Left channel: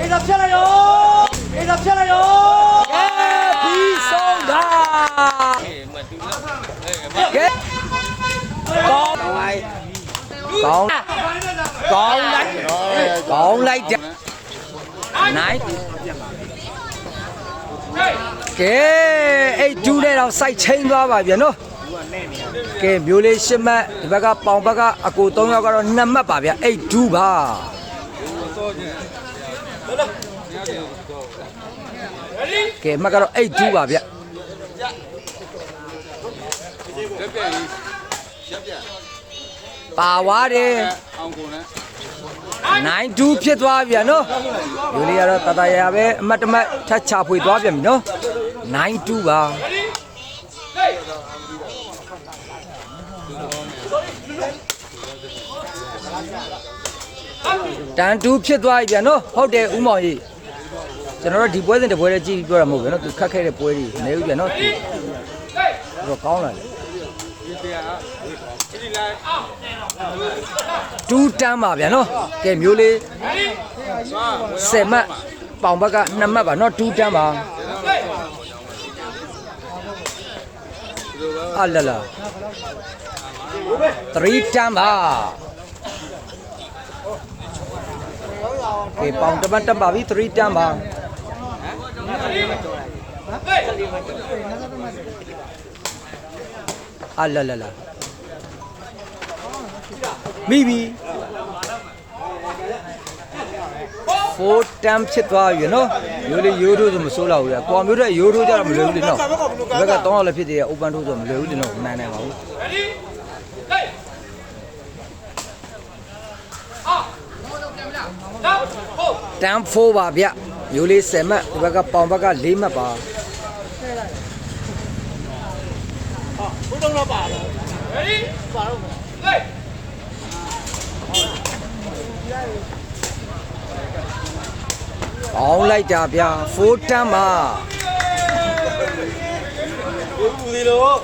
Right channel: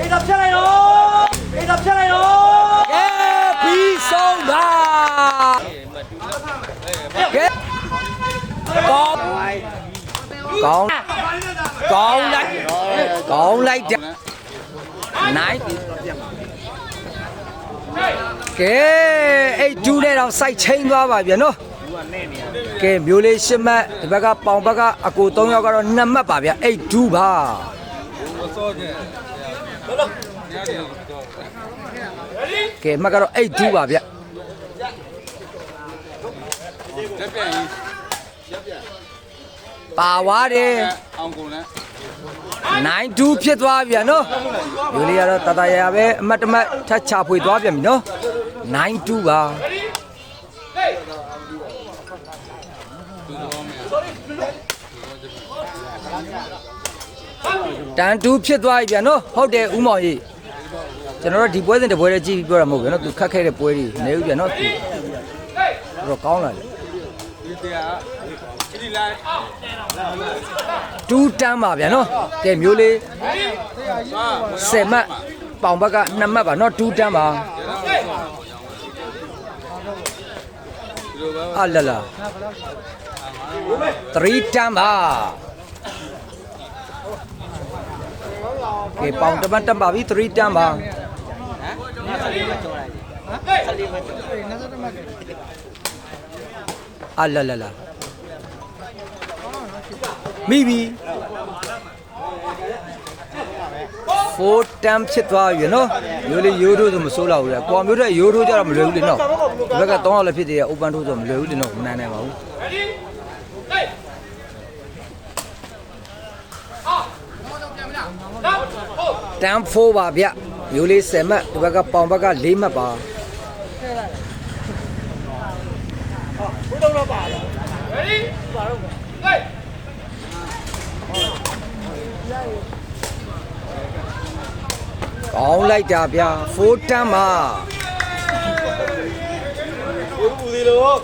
အိဒါဖြတ်လိုက်ရောအိဒါဖြတ်လိုက်ရောပြီးဆုံးတာကောင်းလိုက်တယ်နိုင်ကဲအဲ့ဒူးနဲ့တော့စိုက်ချင်းသွားပါဗျနော်ကဲမျိုးလေးရှစ်မှတ်ဒီဘက်ကပေါင်ဘက်ကအကို3ယောက်ကတော့2မှတ်ပါဗျအဲ့ဒူးပါကဲမှတ်ကတော့အဲ့ဒူးပါဗျပါဝါတယ်နိုင်ဒူးဖြစ်သွားဗျနော်မျိုးလေးကတော့တတရာပဲအမတ်တမတ်ထပ်ချဖွေသွားပြန်ပြီနော်နိုင်ဒူးပါတန်တူဖြစ်သွားပြီဗျာနော်ဟုတ်တယ်ဦးမောင်ကြီးကျွန်တော်တို့ဒီပွဲစဉ်တစ်ပွဲလေးကြည့်ပြီးပြောတာမဟုတ်ဘူးနော်သူခတ်ခဲ့တဲ့ပွဲတွေနေဦးဗျာနော်သူတော့ကောင်းလာတယ်တူတန်းပါဗျာနော်ကဲမျိုးလေး10မှတ်ပေါင်ဘက်က2မှတ်ပါနော်တူတန်းပါအလလာ3တန်းပါကဲပေါင်တပတ်တက်ပါပြီ3တန်းပါအလလာလာမိပြီ4တန်းဖြစ်သွားပြီနော်မျိုးလေးရိုးထိုးဆိုမစိုးတော့ဘူးလေပေါ်မျိုးတဲ့ရိုးထိုးကြတော့မလွယ်ဘူးလေနော်ဒီဘက်က3ရောက်လည်းဖြစ်သေးတယ် open ထိုးဆိုမလွယ်ဘူးလေနော်မနိုင်နိုင်ပါဘူးတန်း4ပါဗျမျိုးလေး10မှတ်ဒီဘက်ကပေါင်ဘက်က4မှတ်ပါကောင်းလိုက်တာဗျာ4တန်းပါဘူးသေးလို့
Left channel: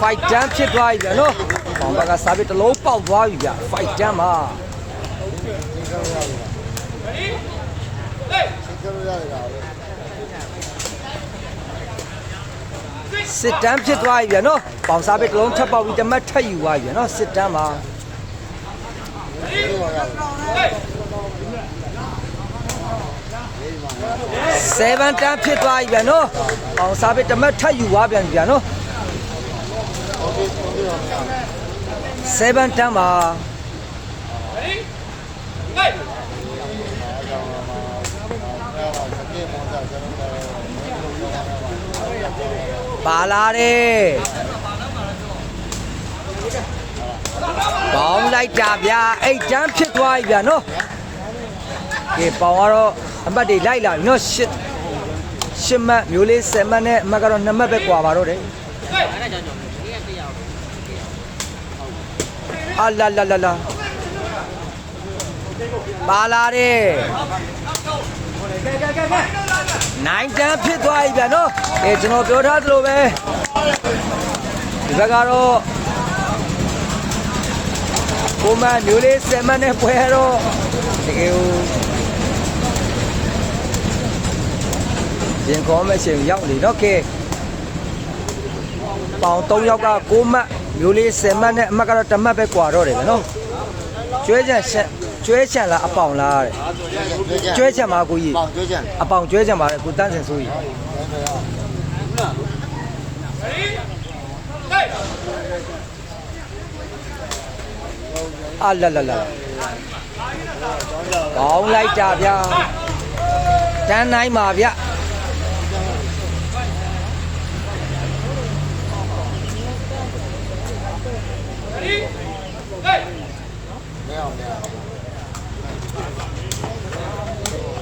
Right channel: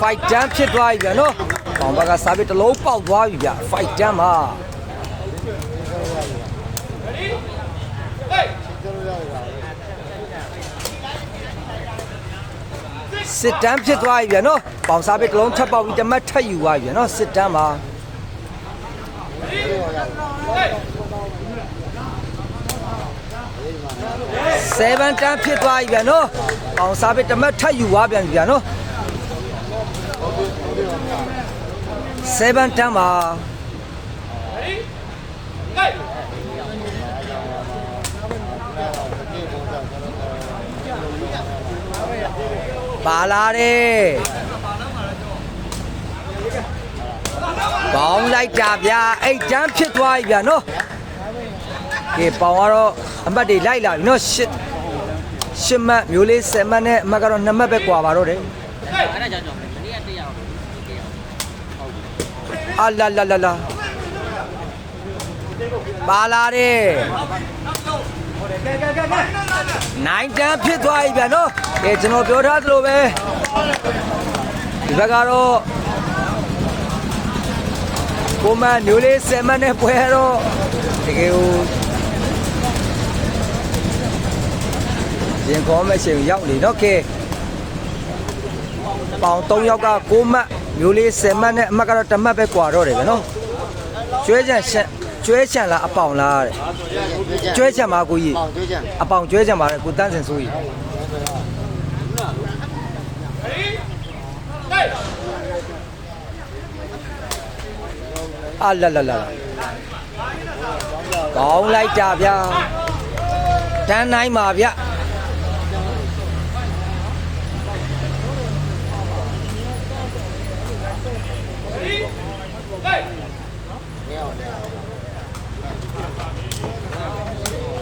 5တန်းဖြစ်သွားပြီဗျာနော်ပေါင်ဘက်ကစားပြီးတစ်လုံးပေါက်သွားပြီဗျာ5တန်းပါစစ်တန်းဖြစ်သွားပြီဗျာနော်ပေါင်စားပြီးတစ်လုံးထပ်ပေါက်ပြီးတမတ်ထပ်ယူသွားပြီဗျာနော်စစ်တန်းပါ7တန်းဖြစ်သွားပြီဗျာနော်ပေါင်စားပြီးတမတ်ထပ်ယူသွားပြန်ပြီဗျာနော်7တန်းပါပါလာတယ်ကောင်းလိုက်တာဗျာ8တန်းဖြစ်သွားပြီဗျာနော်ဒီပေါင်ကတော့အမှတ်တွေလိုက်လာပြီနော်8မှတ်မျိုးလေး10မှတ်နဲ့အမှတ်ကတော့2မှတ်ပဲကွာပါတော့တယ်အလာလာလာလာပါလာတယ်9တန်းဖြစ်သွားပြီဗျာနော်ကဲကျွန်တော်ပြောထားသလိုပဲဒီဘက်ကတော့ကိုမမျိုးလေး10မှတ်နဲ့ပွဲတော့တကယ်ကိုရင်ခေါ်မဲ့ချိန်ရောက်နေတော့ကဲပေါင်3ယောက်က6မှတ်မျိုးလေး10မှတ်နဲ့အမှတ်ကတော့1မှတ်ပဲကွာတော့တယ်ဗျာနော်ကျွဲချန်လားအပေါင်လားတဲ့ကျွဲချန်ပါကိုကြီးအပေါင်ကျွဲချန်ပါတဲ့ကိုတန်းစင်ဆိုကြီးအလာလာလာကောင်းလိုက်တာဗျာတန်းနိုင်ပါဗျ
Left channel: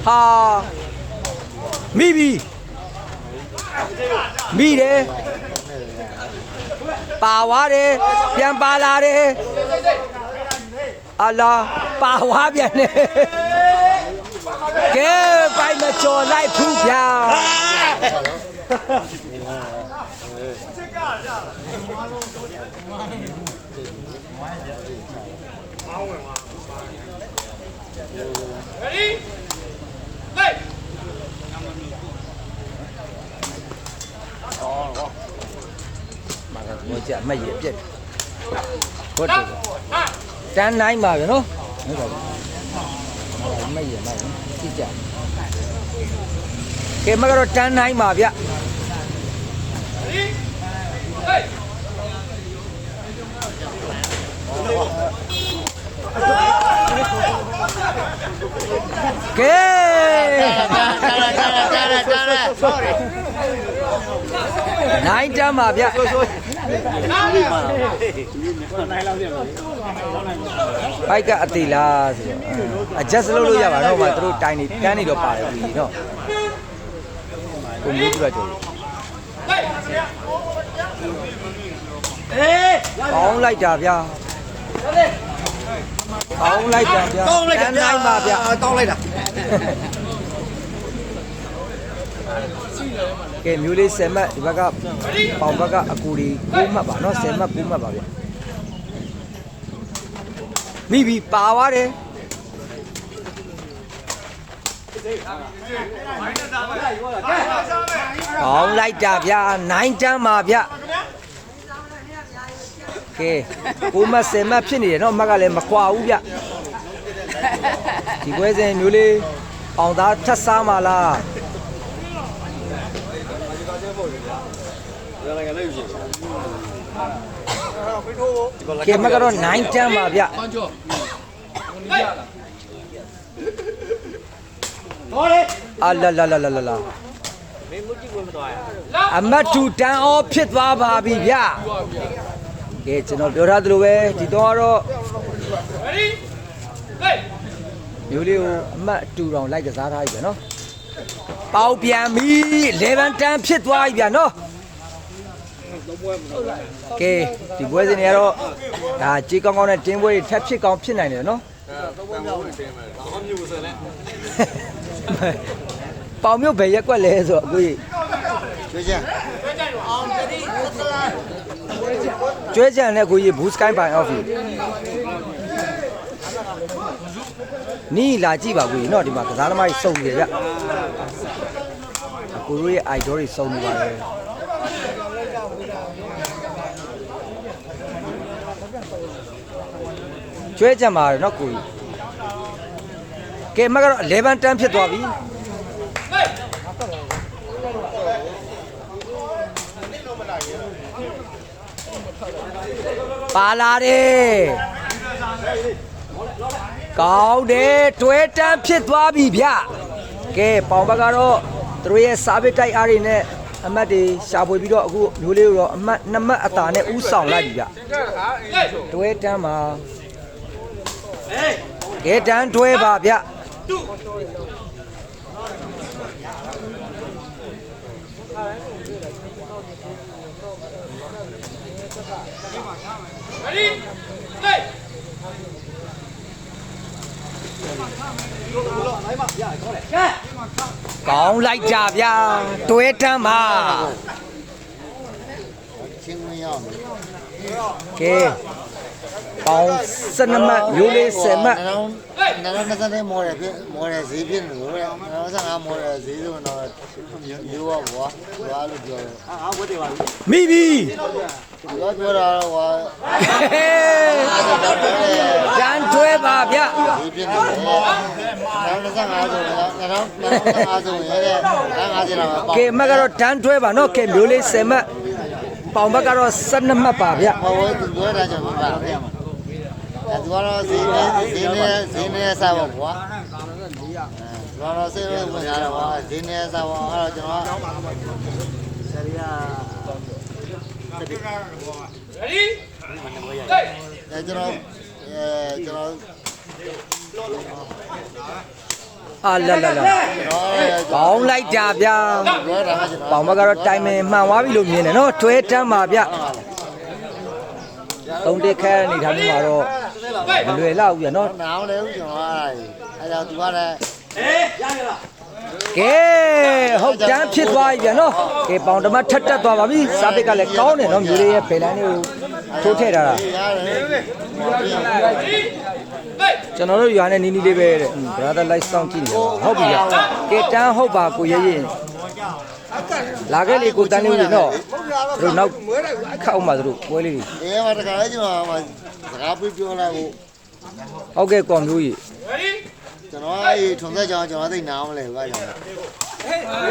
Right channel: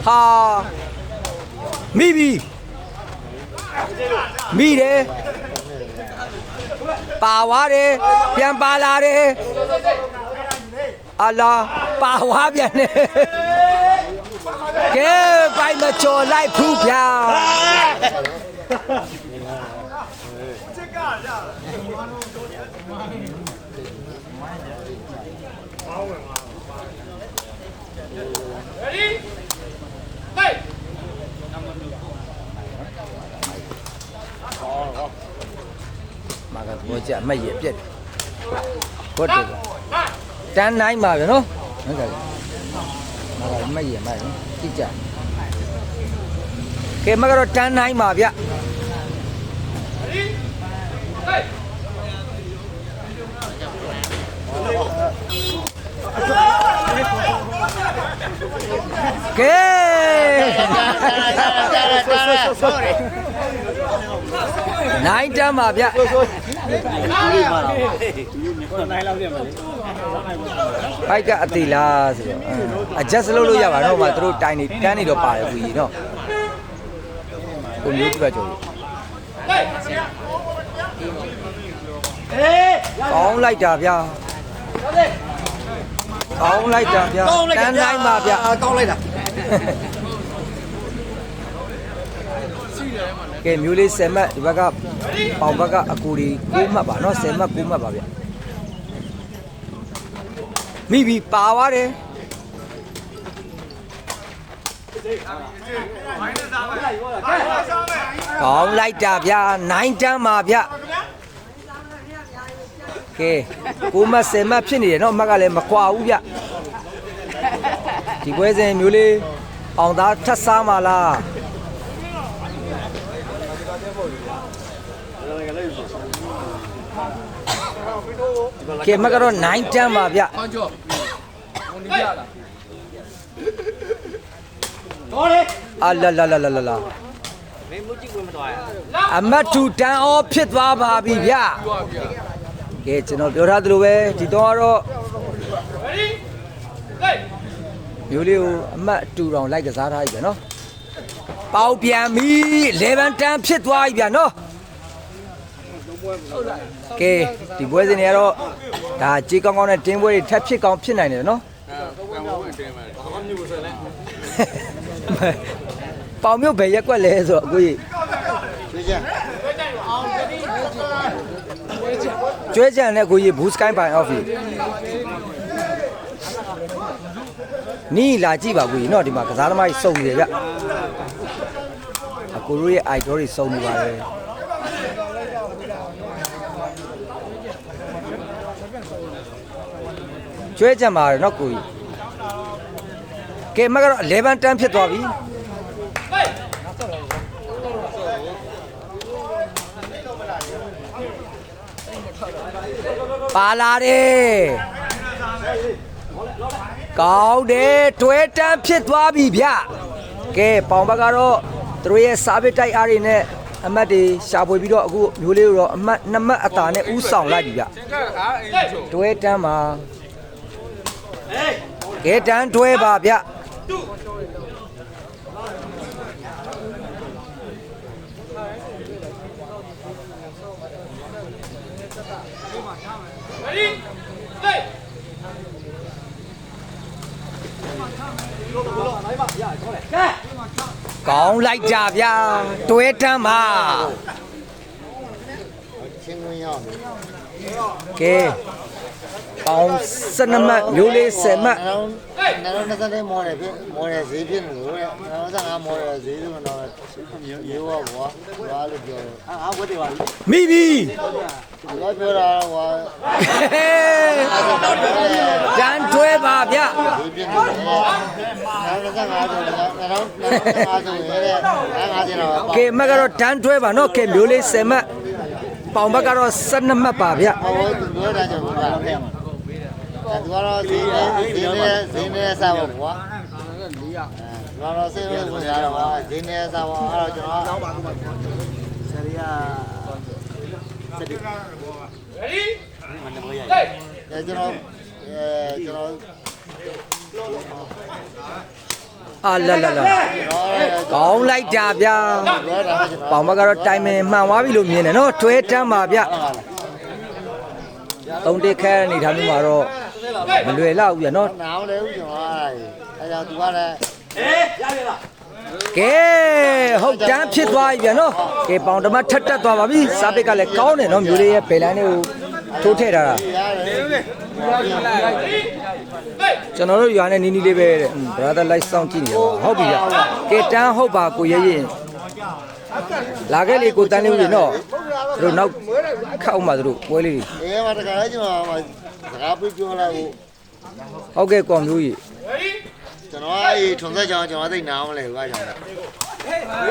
ဟာမိပြီမိတယ်ပါသွားတယ်ပြန်ပါလာတယ်အလာပါသွားပြန်တယ်ကဲပိုင်မကျော်လိုက်ဖူးဗျာ မှာကဘောကြအမက်ရပြက်ဟုတ်တယ်တန်းနိုင်ပါဗျာနော်ဟုတ်တယ်မှာကအမက်ရမှာကြည့်ကြကဲမကတော့တန်းနိုင်ပါဗျကဲနိုင်တမ်းပါဗျဘိုက်ကအသေးလားဆိုတော့adjust လုပ်လို့ရပါတော့မှသူတို့တိုင်နေတန်းနေတော့ပါတယ်ပြီနော်ကိုမျိုးကြည့်ပါကြိုးကောင်းလိုက်တာဗျာကောင်းလိုက်တာဗျာကောင်းလိုက်တာဗျာကောင်းလိုက်တာ ကဲမျိုးလေး10မှတ်ဒီဘက်ကပေါင်ဘက်ကအကူဒီ9မှတ်ပါနော်10မှတ်9မှတ်ပါဗျမိပြီပါသွားတယ်ကောင်းလိုက်တာဗျာ9တန်းပါဗျကဲ9မှတ်10မှတ်ဖြစ်နေတယ်နော်မှတ်ကလည်းမကွာဘူးဗျဒီပွဲစဉ်မျိုးလေးအောင်သားထပ်စားပါလားကဲမကတော့9တန်းပါဗျတော်လေအာလာလာလာလာလာအမတ်တူတန်းအောဖြစ်သွားပါပြီဗျကဲကျွန်တော်ပြောထားသလိုပဲဒီတော့မျိုးလေးကိုအမတ်တူတောင်လိုက်ကစားထားပြီဗျနော်ပေါပြန်ပြီ11တန်းဖြစ်သွားပြီဗျနော်ကဲဒီပွဲစဉ်တွေကတော့ဒါကြေးကောင်းကောင်းနဲ့တင်းပွဲတွေထပ်ဖြစ်ကောင်းဖြစ်နိုင်တယ်နော်ပေါင်မျိုးဘယ်ရက်ကွက်လဲဆိုတော့အခုကျွဲကြံနဲ့ကိုကြီးဘူးစကိုင်းပိုင်အော့ဖီနီးလာကြည့်ပါကိုကြီးနော်ဒီမှာကစားသမားကြီးစုံနေရအကိုတို့ရဲ့ idol တွေစုံနေပါတယ်ကျွဲကြံပါတယ်နော်ကိုကြီးကဲမကတော့11တန်းဖြစ်သွားပြီပါလာတယ်ကောင်းတယ်တွဲတန်းဖြစ်သွားပြီဗျကဲပေါင်ဘက်ကတော့သူတို့ရဲ့စားပစ်တိုက်အားတွေနဲ့အမတ်တွေရှာဖွေပြီးတော့အခုမျိုးလေးကိုတော့အမတ်2မှတ်အသာနဲ့ဥဆောင်လိုက်ပြီဗျတွဲတန်းပါကဲတန်းတွဲပါဗျကောင်းလိုက်ကြဗျာတွဲတန်းပါချင်းဝင်ရောက်ပြီကဲပေါင်း12မှတ်မျိုးလေး10မှတ်နားနဲ့မော်တယ်ဖြစ်မော်တယ်ဈေးဖြစ်နေလို့တဲ့95မော်တယ်ဈေးလို့တော့ရိုးပါဘောရွာလို့ပြောတယ်မိပြီပြောပြောတာဟောတန်းတွဲပါဗျဈေးဖြစ်နေတယ်95ဆိုတော့95ဆိုရဲတဲ့50တော့ကဲမကတော့တန်းတွဲပါနော်ကဲမျိုးလေး10မှတ်ပေါင်ဘက်ကတော့12မှတ်ပါဗျဟောသူပြောတာကြောင့်ပါဗျသူကတော့ဈေးနဲ့စားပါကွာတော့ဆေးဝင်ရတော့ဟာဈေးနဲ့စားပါအဲ့တော့ကျွန်တော်ကျွန်တော်အာလာလာလာကောင်းလိုက်တာဗျာပေါင်ဘက်ကတော့တိုင်မင်မှန်သွားပြီလို့မြင်တယ်နော်ထွဲတန်းပါဗျတုံးတက်ခဲနေထားမျိုးမှာတော့မလွယ်လောက်ဘူးဗျနော်နားလဲဦးကျွန်တော်အဲ့ဒါသူကလည်းရရလားကဲဟုတ်တန်းဖြစ်သွားပြီဗျနော်ကဲပေါင်တမထက်တက်သွားပါပြီစားပစ်ကလည်းကောင်းတယ်နော်မျိုးလေးရဲ့ဘယ်လန်းလေးကို ထိုးထည့်ထားတာ ရတယ်ဟောပြီး ကျွန်တော်တို့ရွာနဲ့နီးနီးလေးပဲတဲ့ brother like စောင့်ကြည့်နေပါဟုတ်ပြီဗျကဲတန်းဟုတ်ပါကိုရဲရင်လာခဲ့လေကိုတန်းလေးဦးလေနော်သူတို့နောက်ခောက်မှသူတို့ပွဲလေး အေးမတကားကြီးမှာစကားပြပြောလိုက်ဖို့ ဟုတ်ကဲ့ကောင်မျိုးကြီး ကျွန်တော်အဲ့ထုံသက်ကြောင်ကျွန်တော်သိနားမလဲဘာကြောင့်လဲ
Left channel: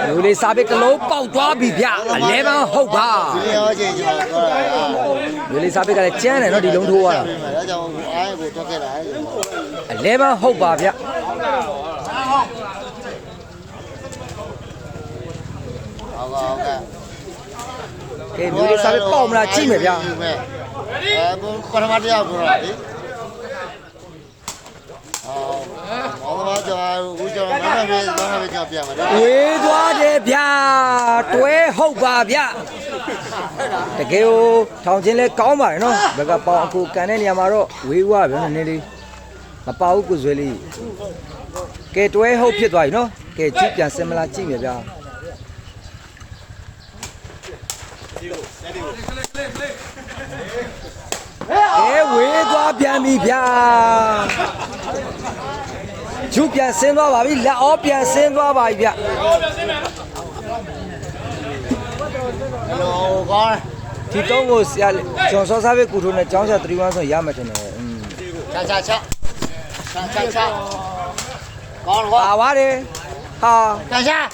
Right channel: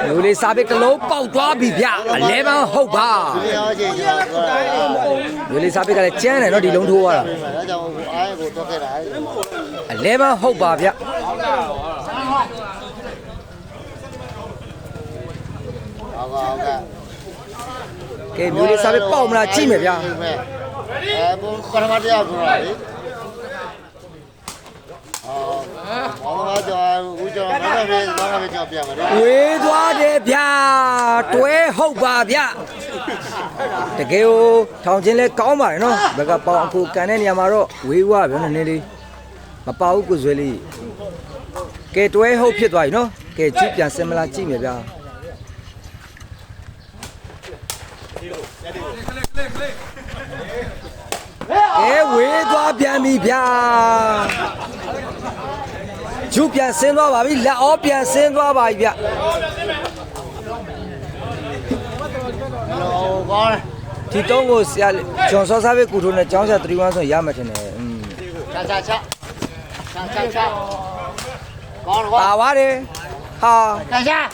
မျိုးလေးစားပစ်တစ်လုံးပေါက်သွားပြီဗျအလဲပန်းဟုတ်ပါ ဒီရောချင်းကျွန်တော်ပြောတာ မျိုးလေးစားပစ်ကလည်းကျန်းတယ်နော်ဒီလုံးထိုးသွားတာ ဒါကြောင့်အားကိုတွက်ခဲ့တာ အလဲပန်းဟုတ်ပါဗျ ဟုတ်ကဲ့ ကဲမျိုးလေးစားပစ်ပေါက်မလားကြည့်မယ်ဗျ ပထမတရားပြောတာလေအော်မောင်ကျော်ဦးကျော်မမပြေမမပြေကြောက်ပြမယ်နော် ဝေးသွားတယ်ဗျတွဲဟုတ်ပါဗျတကယ်ကိုထောင်ချင်းလဲကောင်းပါတယ်နော်ဘက်ကပေါင်အခုကန်တဲ့နေရာမှာတော့ဝေးသွားဗျနည်းနည်းလေးမပေါဘူးကိုဇွဲလေးကဲတွဲဟုတ်ဖြစ်သွားပြီနော်ကဲကြည့်ပြန်စင်မလားကြည့်မယ်ဗျဝေးသွားပြန်ပြီဗျကျူပြန်ဆင်းသွားပါပြီလက်အောပြန်ဆင်းသွားပါပြီဗျ ဟိုကောင်း ဒီတော့ကိုဆရာဂျွန်စောစားပဲကူထိုးနဲ့ကျောင်းဆရာ31ဆိုရမှထင်တယ်ချက်ကောင်း ပါပါတယ်ဟာ ချက်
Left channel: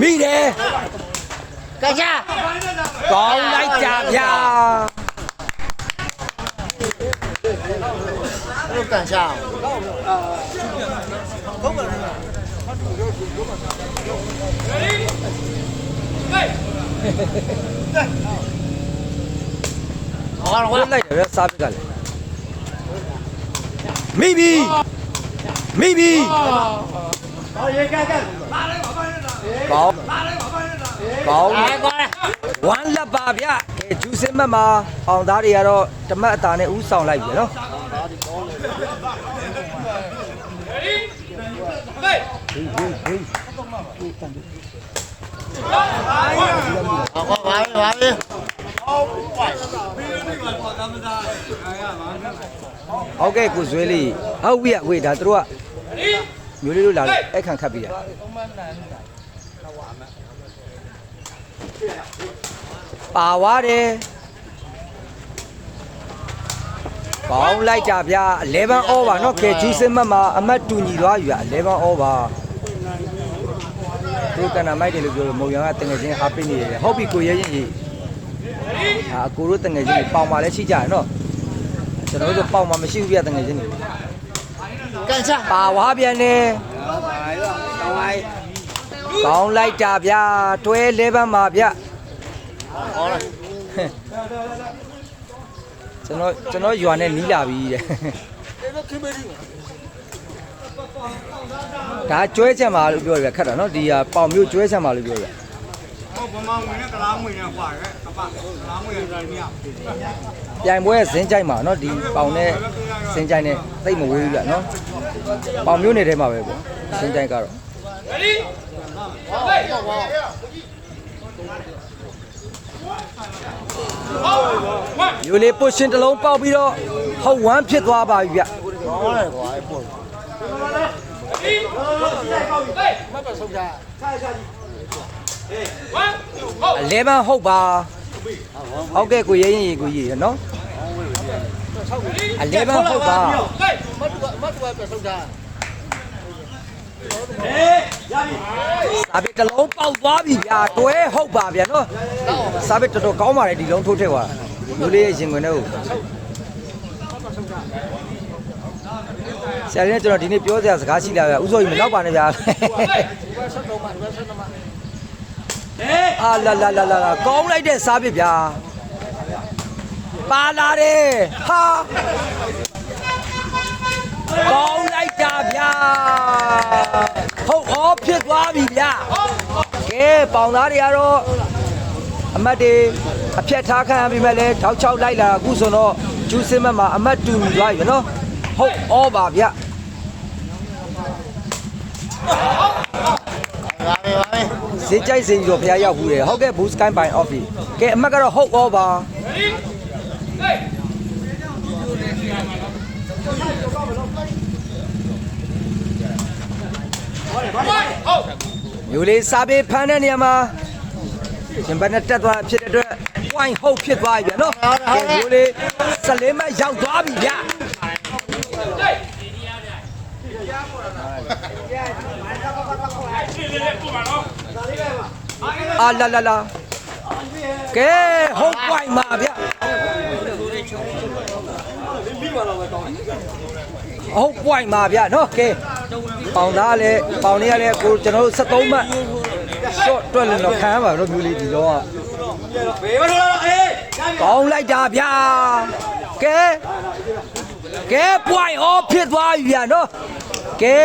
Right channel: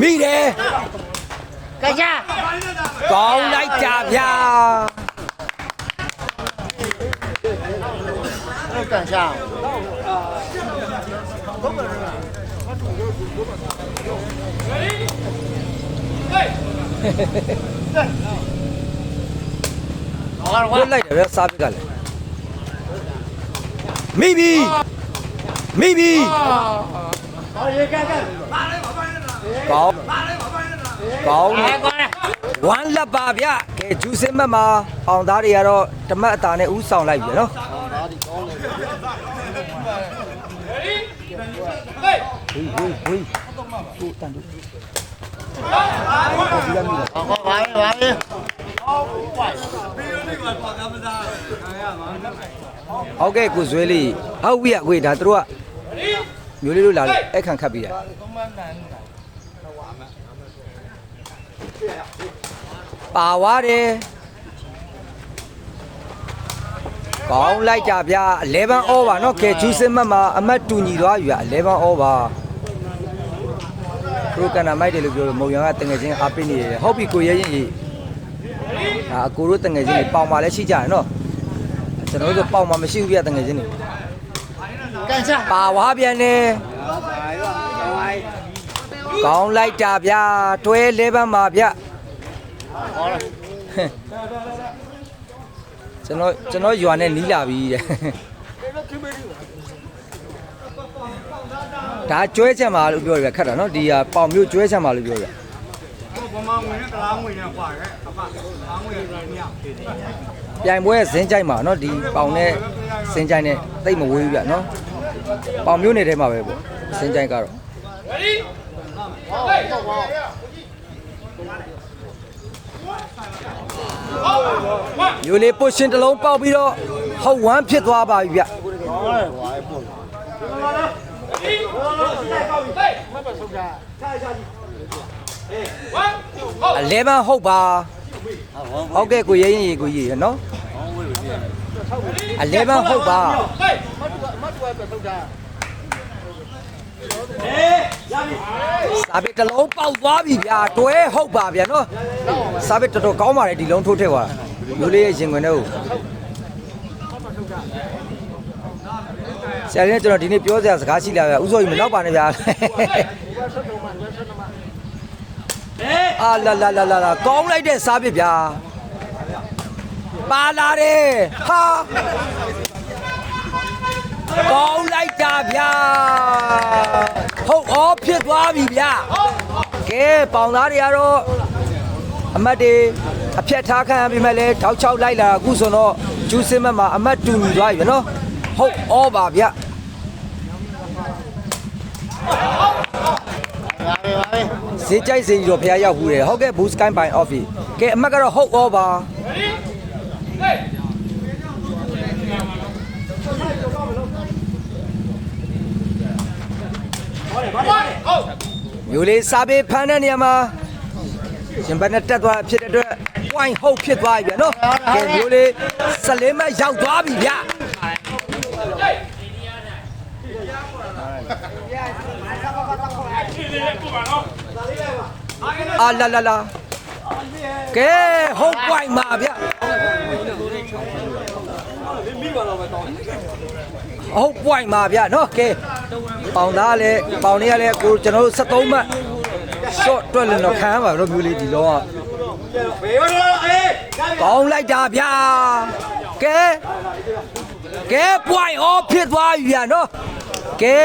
မိတယ် ချက် ကောင်းလိုက်ကြဗျာ ဟုတ်ကန်ချာ လွတ်လိုက်တယ်ဗျစားပစ်ကလည်းမိပြီမိပြီ 好，也干干。 ကောင်းကောင်းဝမ်းလက်ပါဗျကဲဂျူးစင်မတ်မှာအောင်သားတွေကတော့ဓမ္မအတာနဲ့ဥဆောင်လိုက်ပြီနော်ဟေးဟေးဟေး ဟုတ်ပါပါပြီ ဟုတ်ကဲ့ကိုဇွဲလေးဟုတ်ပြီအကွေဒါတို့ကမျိုးလေးတို့လာလို့အဲ့ခံခတ်ပြီးတာပါသွားတယ်ကောင်းလိုက်ကြဗျာ11 over เนาะကဲဂျူးစင်မတ်မှာအမတ်တူညီသွားပြီ11 over တို့ကနာမိုက်တယ်လို့ပြောလို့မုံရံကတငယ်ချင်းအားပေးနေတယ်ဟုတ်ပြီကိုရဲရင်ကြီးအကိုတို့တငယ်ချင်းတွေပေါင်ပါလဲရှိကြရနော်ကျွန်တော်တို့ပေါင်ပါမရှိဘူးပြတငယ်ချင်းတွေ ကန်ချာ ပါဝါပြန်နေကောင်းလိုက်တာဗျာတွဲ11မှာဗျ ကောင်းလား ကျွန်တော်ရွာနဲ့နီးလာပြီတဲ့ဒါကျွဲချက်မှာလို့ပြောရခက်တာနော်ဒီဟာပေါင်မျိုးကျွဲချက်မှာလို့ပြောရပြိုင်ပွဲဇင်းကြိုက်မှာနော်ဒီပေါင်နဲ့ဇင်းကြိုက်နဲ့သိမဝေးဘူးဗျနော်ပေါင်မျိုးနေထဲမှာပဲပေါ့ဇင်းကြိုက်ကတော့ယူလေးပုတ်ရှင်တစ်လုံးပေါက်ပြီးတော့ဟုတ်ဝမ်းဖြစ်သွားပါပြီဗျ ကောင်းတယ်ကွာပို့ 11ဟုတ်ပါဟုတ်ကဲ့ကိုရဲရင်ရေကိုကြီးရနော်11ဟုတ်ပါ စာပစ်တစ်လုံးပေါက်သွားပြီဗျာတွဲဟုတ်ပါဗျာနော်စာပစ်တော်တော်ကောင်းပါလေဒီလုံးထိုးထည့်သွားမျိုးလေးရဲ့ရင်ခွင်ထဲကိုဆရာကြီးကျွန်တော်ဒီနေ့ပြောစရာစကားရှိလာဗျာဥစောကြီးမနောက်ပါနဲ့ဗျာအာလာလာလာလာကောင်းလိုက်တဲ့စာပစ်ဗျာပါလာတယ်ဟာကောင်းလိုက်တာဗျာဟုတ်ဩဖြစ်သွားပြီဗျာကဲပေါင်သားတွေကတော့အမတ်တွေအဖြတ်ထားခံရပြီမဲ့လဲထောက်ချောက်လိုက်လာအခုဆိုတော့ဂျူးစင်မတ်မှာအမတ်တူညီသွားပြီနော်ဟုတ်ဩပါဗျာ စေးကြိုက်စေရောဖျားရောက်ဘူးတယ်ဟုတ်ကဲ့ Boost Sky by Office ကဲအမတ်ကတော့ဟုတ်ဩပါ မျိုးလေးစားပေးဖမ်းတဲ့နေရာမှာရှင်ဘက်နဲ့တက်သွားဖြစ်တဲ့အတွက် point ဟုတ်ဖြစ်သွားပြီဗျနော်ကဲမျိုးလေး14မှတ်ရောက်သွားပြီဗျအာလာလာလာကဲဟုတ် point မှာဗျဟုတ် point မှာဗျနော်ကဲပေါင်သားလည်းပေါင်လေးရလည်းကိုကျွန်တော်တို့73မှတ် short တွက်လို့တော့ခံရပါတော့မျိုးလေးဒီတော့ ဘေးမလို့လားအေး ကောင်းလိုက်တာဗျာကဲကဲ point off ဖြစ်သွားပြီဗျာနော်ကဲ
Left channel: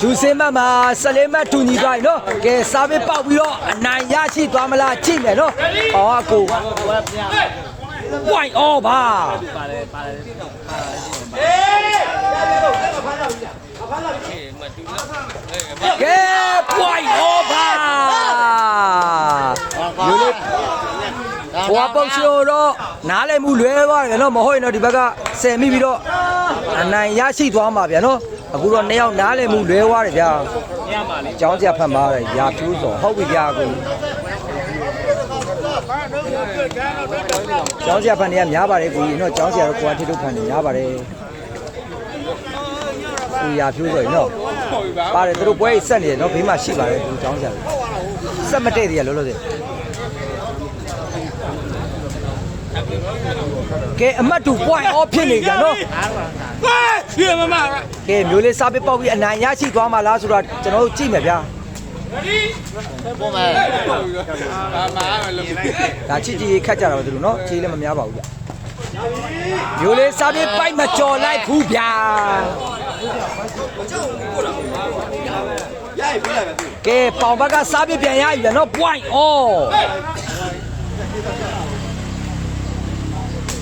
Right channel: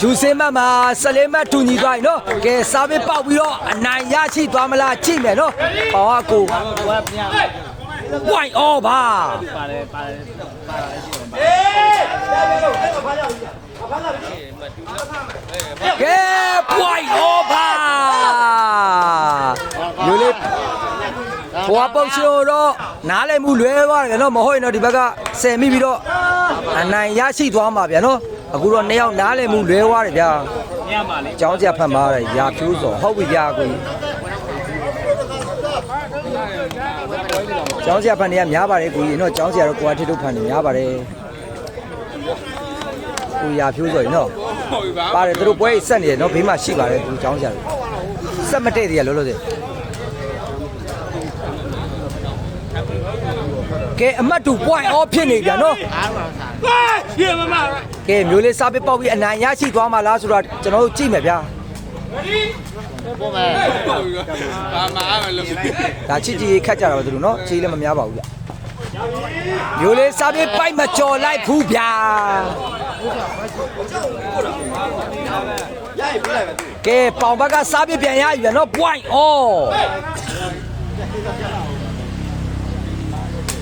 ဂျူစင်မမှာ14မှတ်တူညီသွားပြီနော်ကဲစာပေပေါက်ပြီးတော့အနိုင်ရရှိသွားမလားကြည့်မယ်နော်ဟောကို point off ပါ အေးရရတော့အဲ့ဖမ်းရပြီဖမ်းလာပြီ ကဲ point off ပါလူလေးဟိုပုတ်ရှိတော့နားလည်မှုလွဲသွားတယ်နော်မဟုတ်ရင်တော့ဒီဘက်ကဆယ်မိပြီးတော့အနိုင်ရရှိသွားမှာဗျာနော်အခုတော့2ယောက်နားလည်မှုလွဲသွားတယ်ဗျာကျောင်းဆရာဖတ်မှာတယ်ရာဖြိုးစော်ဟုတ်ပြီဗျာကိုကျောင်းဆရာဖတ်နေရများပါတယ်ကိုကြီးနော်ကျောင်းဆရာတော့ကိုကထိထုတ်ဖတ်နေများပါတယ်ကိုရာဖြိုးစော်နော်ပါတယ်သူတို့ပွဲဆက်နေတယ်နော်ဘေးမှာရှိပါတယ်သူကျောင်းဆရာတွေဆက်မတည့်သေးရလောလောဆယ်ကဲအမတ်တူ point off ဖြစ်နေကြနော်ပြေမမကဲမျိုးလေးစားပစ်ပေါက်ပြီးအနိုင်ရရှိသွားမှာလားဆိုတော့ကျွန်တော်တို့ကြည့်မယ်ဗျာပေါ်မယ်ဒါချစ်ကြည်ခတ်ကြတာပဲသူတို့နော်ချီလည်းမများပါဘူးဗျမျိုးလေးစားပစ်ပိုက်မကြော်လိုက်ဘူးဗျာရရပြေးလိုက်ပဲသူကဲပေါင်ဘက်ကစားပစ်ပြန်ရပြီဗျာနော် point off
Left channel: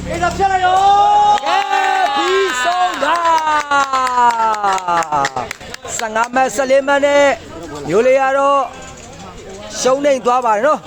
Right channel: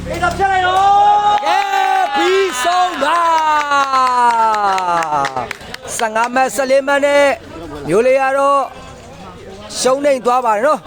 အေးတော့ဖြတ်လိုက်ရောပြီးဆုံးတာ15မဲ14မဲနဲ့မျိုးလေးကတော့ရှုံးနေသွားပါတယ်နော်